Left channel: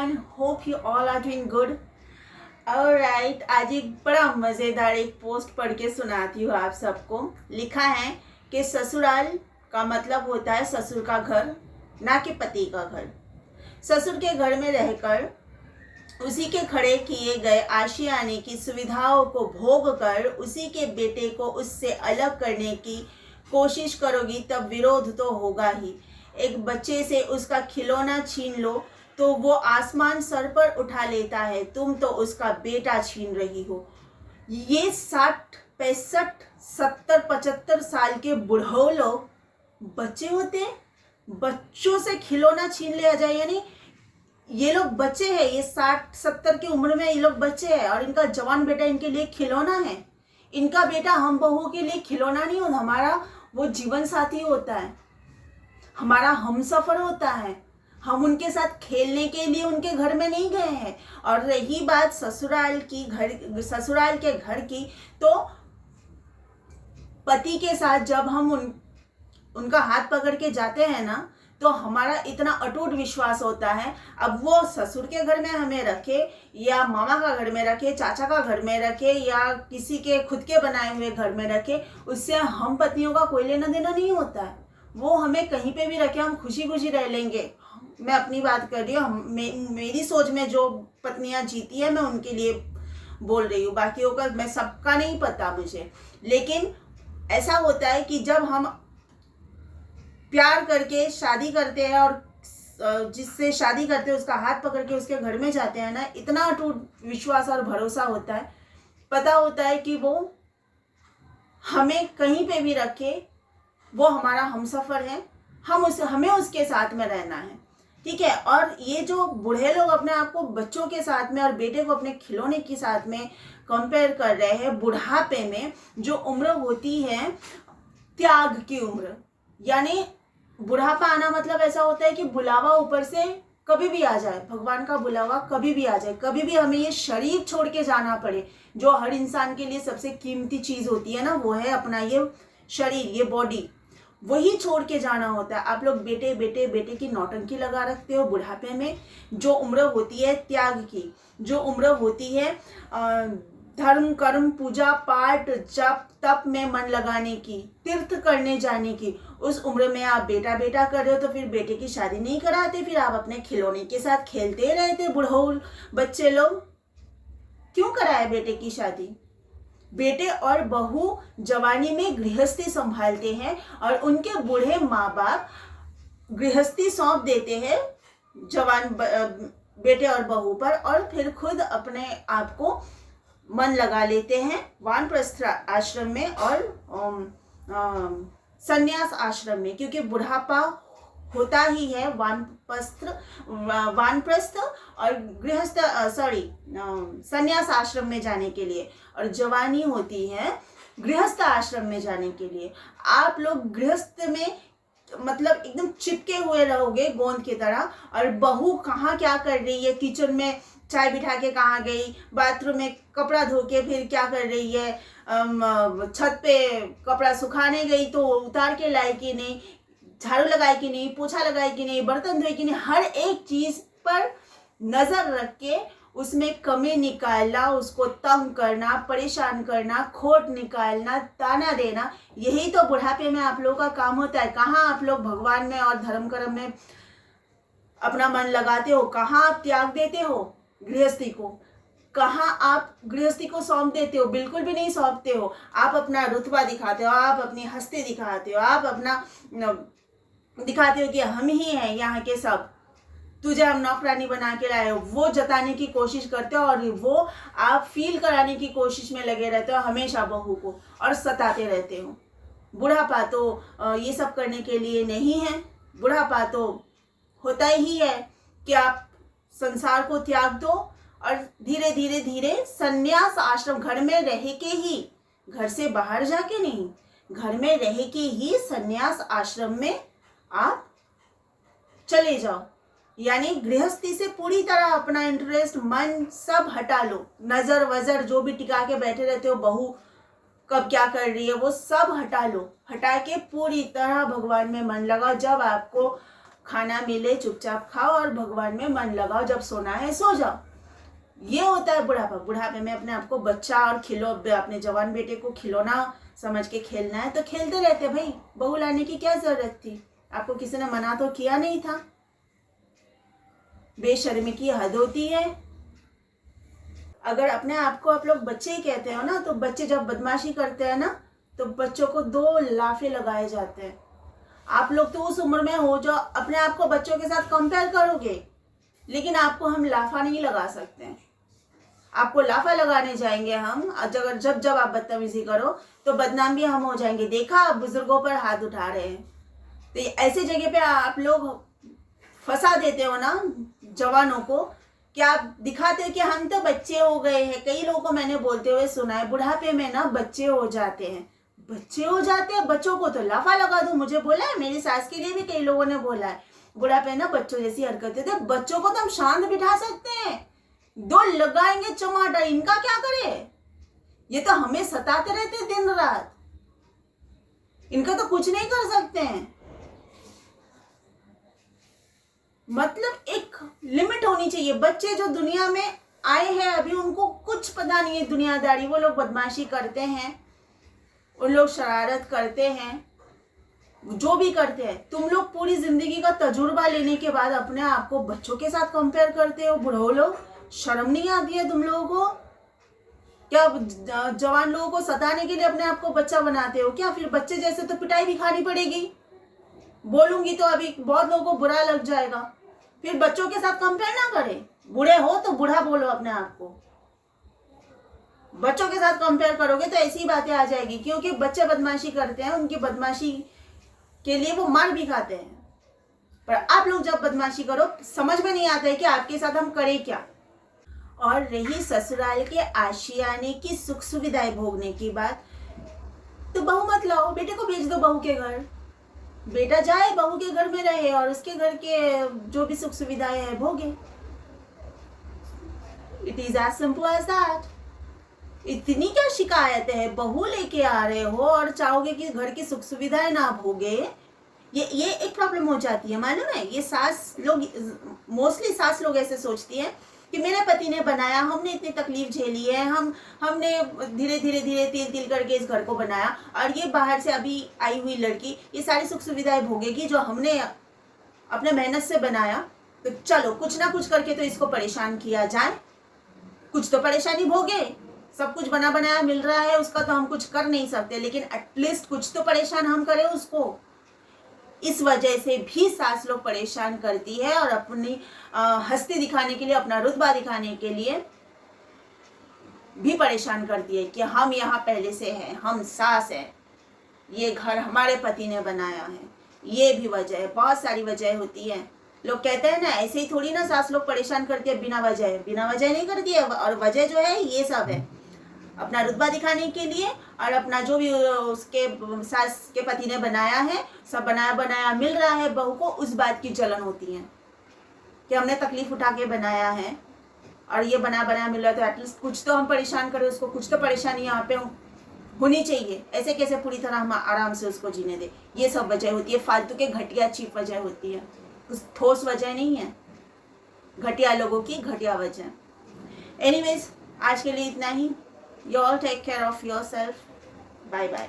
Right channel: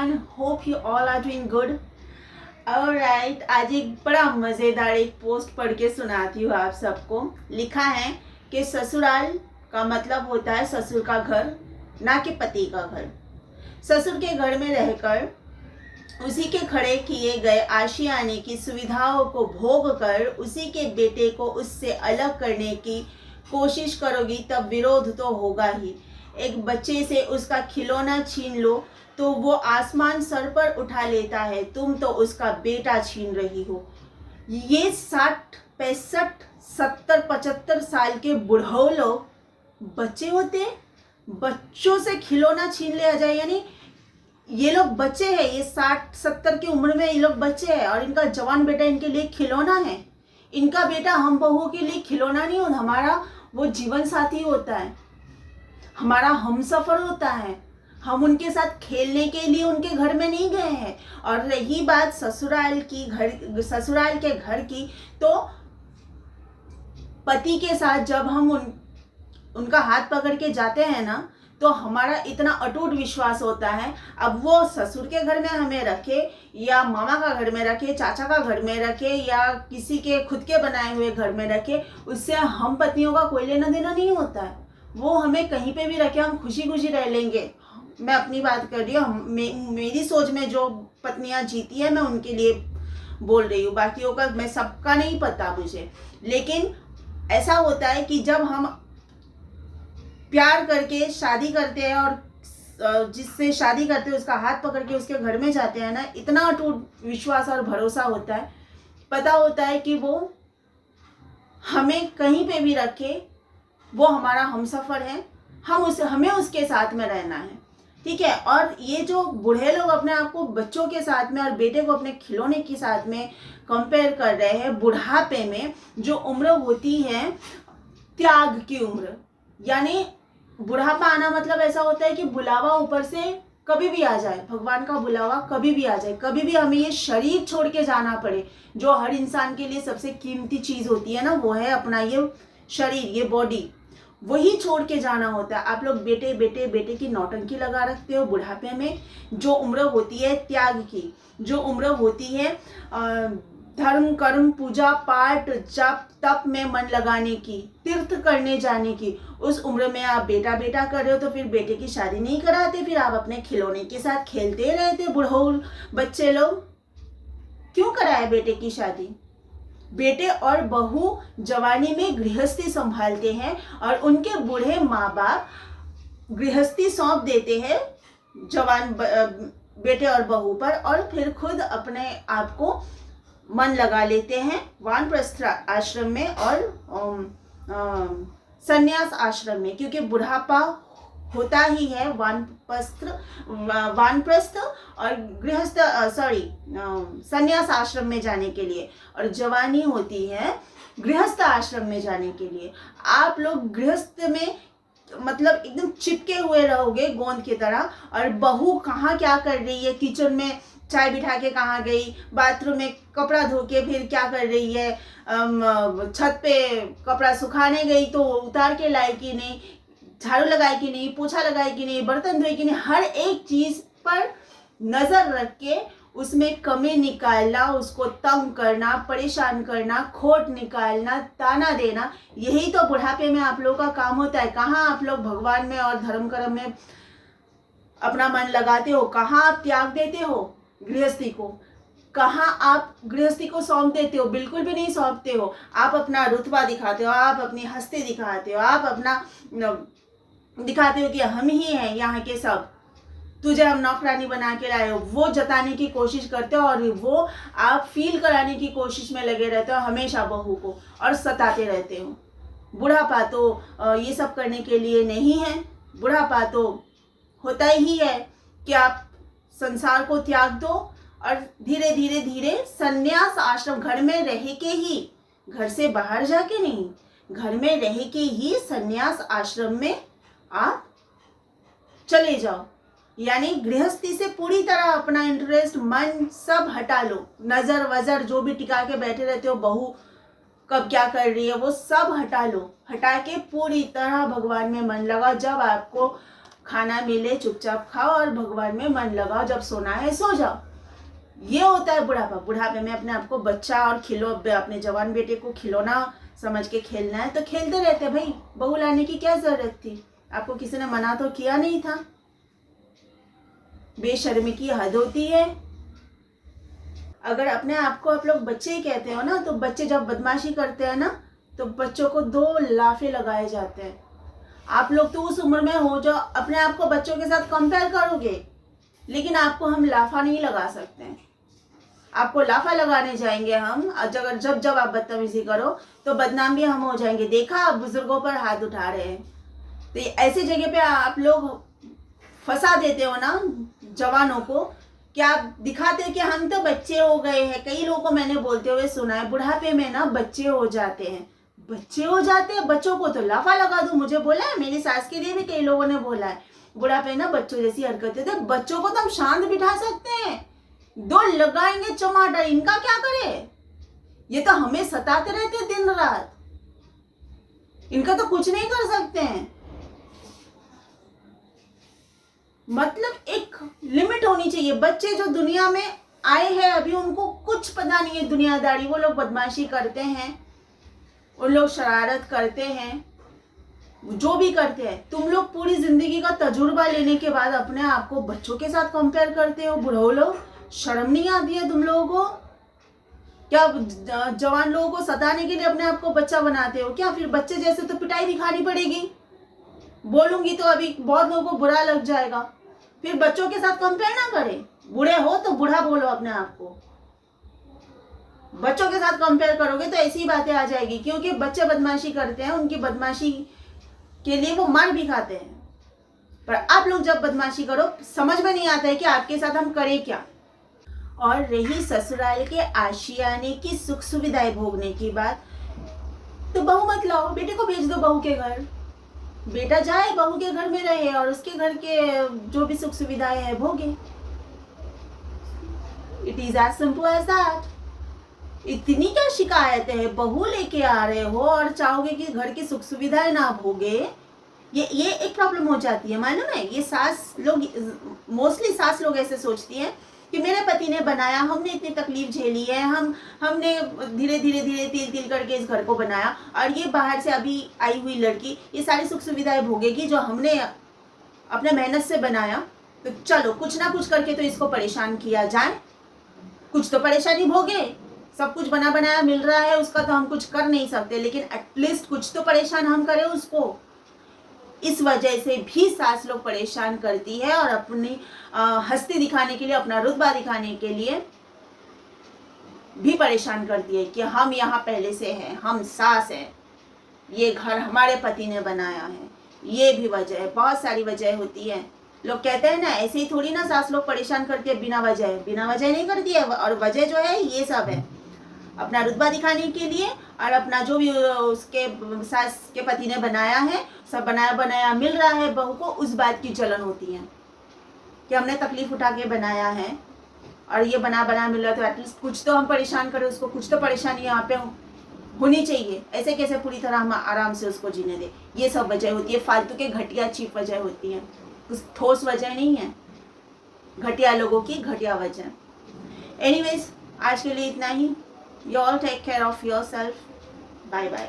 everyone, hope you all are doing good. Alright, आज एक बड़ा मज़ेदार एक पोस्ट पढ़ के सुनाती हूँ आप सबको। लिखा है कि ससुराल का मतलब होता है ससुर का घर, ना कि पति का घर। ससुर के घर में रहकर उसी के खड़े किए गए आशियाने की सुविधाओं को भोग कर उसी के बेटे को उससे अलग करने की कोशिश करोगी तब विरोध तो होगा ही। एक बच्चे से उसका खिलौना छीन लो तो वो आसमान सर पर उठा लेता है, तुम तो उसका बेटा छीन रही हो। ये 60, 65, 70, 75 साल के बुढ़ऊ लोग बच्चे होते हैं, बच्चों से खिलौना छीन लिया जाए। यानी ये लोग बच्चे हैं, ये 60, 70 की उम्र में ये लोग बच्चे हैं और इनका जवान बेटा इनके लिए खिलौना है। इनका बेटा हम बहुओं के लिए खिलौना नहीं होता, हमारा वो जीवन साथी होता है, हमारा हमसफर होता है। हम उनके साथ खेलने के लिए उनके घर में नहीं गए हैं। और रही बात ससुराल के घर की, तो पति के साथ जब हम उनका हाथ पकड़ के जाते हैं ना, तो हमारा इतना अटूट विश्वास होता है। अब वो ससुर के घर में हमें रखे या मामा का घर में रखे, चाचा का घर में रखे या किसी के खुद के बनाए हुए घर में रखे, उससे हम पत्नियों का कोई लेना देना नहीं होता है। वो हमें कहीं पे भी रखे, हम खुशी खुशी रह लेंगे। मैं अपनी बात कर रही हूँ, मेरी सोच में जो पत्नियां जीती है मैं उनके लिए बोल रही हूँ, बाकियों का मैं सबका नहीं पता मुझे। लेकिन ऐसा होता है कि जब हम प्यार करके शादी करते हैं और जिससे शादी करते हैं उसका हाथ पकड़ के उसके घर में जाते हैं ना, इतना अटूट विश्वास और भरोसा होता है। पता होता है कि वो हमें कहीं पे भी रखे, वो हमारा हमसफर है, हमें उसके साथ में रहना है, ठीक है। और ये जो बूढ़े लोग अपने आप को बच्चों के साथ में और बेटे को अपने खिलौने के साथ में कंपेयर कर रहे हैं, बुढ़ापे में जो उम्र होती है त्याग की उम्र, यानी बुढ़ापा आना मतलब ऐसा होता है कि बुलावा ऊपर से कभी भी आ जाए, भगवान का बुलावा कभी भी आ जाए, कभी भी हमें ये शरीर छोड़ के जाना पड़े। जो हर इंसान के लिए सबसे कीमती चीज होती है ना, वो है अपना ये शरीर, ये बॉडी, वही छोड़ के जाना होता है। आप लोग बेटे बेटे बेटे की नौटंकी लगा रखते हो बुढ़ापे में। जो उम्र होती है त्याग की, जो उम्र होती है धर्म कर्म पूजा पाठ जप तप में मन लगाने की, तीर्थ करने जाने की, उस उम्र में आप बेटा बेटा कर रहे हो, तो फिर बेटे की शादी नहीं कराते, फिर आप अपने खिलौने के साथ खेलते रहते। बुढ़ऊ बच्चे लोग क्यों कराए बेटे की शादी? बेटे और बहू जवानी में गृहस्थी संभालते हैं और उनके बूढ़े माँ बाप गृहस्थी सौंप देते हैं जवान बेटे और बहू पर, और फिर खुद अपने आप को मन लगा लेते हैं वानप्रस्थ आश्रम में और संन्यास आश्रम में, क्योंकि बुढ़ापा होता ही है वानप्रस्थ और संन्यास आश्रम में जाने के लिए, और जवानी होती है गृहस्थ आश्रम में जाने के लिए। आप लोग गृहस्थ में मतलब एकदम चिपके हुए रहोगे गोंद की तरह, और बहू कहाँ क्या कर रही है, किचन में चाय बिठा के कहाँ गई, बाथरूम में कपड़ा धो के फिर क्या कर रही है, छत पे कपड़ा सुखाने गई तो उतार के लाई कि नहीं, झाड़ू लगाई कि नहीं, पोछा लगाई कि नहीं, बर्तन धोए कि नहीं, हर एक चीज पर नजर रख के उसमें कमी निकालना, उसको तंग करना, परेशान करना, खोट निकालना, ताना देना, यही तो बुढ़ापे में आप लोगों का काम होता है। कहाँ आप लोग भगवान में और धर्म कर्म में अपना मन लगाते हो? कहाँ आप त्याग देते हो गृहस्थी को? कहाँ आप गृहस्थी को सौंप देते हो? बिल्कुल भी नहीं सौंपते हो। आप अपना रुतबा दिखाते हो, आप अपनी हस्ती दिखाते हो, आप अपना दिखाते हो कि हम ही हैं यहाँ के सब, तुझे हम नौकरानी बना के लाए हो, वो जताने की कोशिश करते हो और वो आप फील कराने की कोशिश में लगे रहते हो हमेशा बहू को, और सताते रहते हो। बुढ़ापा तो ये सब करने के लिए नहीं है। बुढ़ापा तो होता ही है कि आप संसार को त्याग दो और धीरे धीरे धीरे संन्यास आश्रम, घर में रह के ही, घर से बाहर जाके नहीं, घर में रह के ही संन्यास आश्रम में आप चले जाओ। यानी गृहस्थी से पूरी तरह अपना इंटरेस्ट मन सब हटा लो, नजर वजर जो भी टिका के बैठे रहते हो, बहू कब क्या कर रही है वो सब हटा लो, हटा के पूरी तरह भगवान में मन लगाओ। जब आपको खाना मिले चुपचाप खाओ और भगवान में मन लगाओ, जब सोना है सो जाओ। ये होता है बुढ़ापा। बुढ़ापे में अपने आप को बच्चा और अपने जवान बेटे को खिलौना समझ के खेलना है तो खेलते रहते भाई। बहू लाने की क्या जरूरत थी? आपको किसी ने मना तो किया नहीं था। बेशर्मी की हद होती है। अगर अपने आप को आप लोग बच्चे ही कहते हो ना, तो बच्चे जब बदमाशी करते हैं ना तो बच्चों को 2 लाफे लगाए जाते हैं। आप लोग तो उस उम्र में हो जो अपने आप को बच्चों के साथ कंपेयर करोगे, लेकिन आपको हम लाफा नहीं लगा सकते हैं। आपको लाफा लगाने जाएंगे हम, अगर जब जब आप बदतमीजी करो तो बदनाम भी हम हो जाएंगे। देखा आप बुजुर्गों पर हाथ उठा रहे हैं, तो ऐसी जगह पे आप लोग फंसा देते हो ना जवानों को, कि आप दिखाते हो कि हम तो बच्चे हो गए हैं। कई लोगों को मैंने बोलते हुए सुना है बुढ़ापे में ना बच्चे हो जाते हैं। बच्चे हो जाते हैं? बच्चों को तो लाफा लगा दो। मुझे बोला है, मेरी सास के लिए भी कई लोगों ने बोला है बुढ़ापे ना बच्चों जैसी हरकतें थे। बच्चों को तो हम शांत बिठा सकते हैं, 2 लगाएंगे चमाटर, इनका क्या करे? ये तो हमें सताते रहते दिन रात, इनका तो कुछ नहीं कर सकते हैं। मतलब एक लिमिट होनी चाहिए। बच्चे जो दुनिया में आए हैं अभी, उनको कुछ पता नहीं है दुनियादारी। वो लोग बदमाशी करते हैं, उन लोग शरारत करते हैं, जो भी करते हैं। तुम लोग पूरी जिंदगी का तजुर्बा लेने के बाद अपने आप को बच्चों के साथ कंपेयर करते हो। बुढ़ो लोग, शर्म नहीं आती है तुम लोगों को? क्या जवान लोगों को सताने के लिए अपने आप को बच्चा बनाते हो क्या? फिर बच्चे जैसे तो पिटाई भी खानी पड़ेगी। बोलूंगी तो अभी बहुत लोगों को बुरा लग जाएगा। फिर बच्चों के साथ कंपेयर ना करें। बूढ़े हो तो बूढ़ा बोलो अपने आप को। बच्चों के साथ कंपेयर करोगे तो ऐसी बातें आ जाएगी, क्योंकि बच्चे बदमाशी करते हैं, उनकी बदमाशी के लिए वो मार भी खाते हैं। पर आप लोग जब बदमाशी करो, समझ में नहीं आता है कि आपके साथ हम करें क्या। और रही ससुराल के आशियाने की सुख सुविधाएं भोगने की बात, तो बहू मत लाओ, बेटे को भेज दो बहू के घर। बेटा जाए बहू के घर में रहे और उसके घर के जो भी सुख सुविधाएं है भोगे। It is as simple as that. इतनी क्या शिकायतें है? बहू लेके आ रहे हो और चाहोगे कि घर की सुख सुविधाएं ना भोगे। ये एक प्रॉब्लम हो जाती है, मालूम है? ये सास लोग, मोस्टली सास लोग ऐसे सोचती हैं कि मेरे पति ने बनाया, हमने इतनी तकलीफ झेली है, हमने धीरे धीरे धीरे तिल तिल करके इस घर को बनाया, और ये बाहर से अभी आई हुई लड़की ये सारी सुख सुविधाएं भोगेगी जो हमने अपने मेहनत से बनाया। तो चलो कुछ ना कुछ करके तो इसको परेशान किया जाए, कुछ तो परेशानी भोगे। सब कुछ बना बनाया मिल रहा है, उसका तो हम कुछ कर नहीं सकते, लेकिन एटलीस्ट कुछ तो परेशान हम करें उसको। इस वजह से भी सास लोग परेशान करती है और अपनी हस्ती दिखाने के लिए, अपना रुतबा दिखाने के लिए भी परेशान करती है कि हम यहाँ पहले से हैं, हम सास हैं, ये घर हमारे पति ने बनाया है। ये भी वजह है, बहुत सारी वजह होती है। लोग कहते हैं ना, ऐसे ही थोड़ी ना सास लोग परेशान करती है बिना वजह। बिना वजह नहीं करती है, और वजह जो है ये सब है, अपना रुतबा दिखाने के लिए और अपना जो भी उसके सास के पति ने बनाया है, सब बनाया बनाया मिल रहा है बहू को, उस बात की जलन होती है कि हमने तकलीफ उठा के बनाया है और ये बना बनाया मिल रहा है, तो एटलीस्ट कुछ तो हम परेशान करें उसको, कुछ तो परेशानी यहाँ पे होनी चाहिए। ऐसे कैसे पूरी तरह हम आराम से उसको जीने दे। ये सब वजह होती है, फालतू के घटिया चीप वजह होती है, कुछ ठोस वजह नहीं है। घटिया लोगों की घटिया वजह। एनीवेज, आज के लिए इतना ही। You all take care of yourself. Bye bye.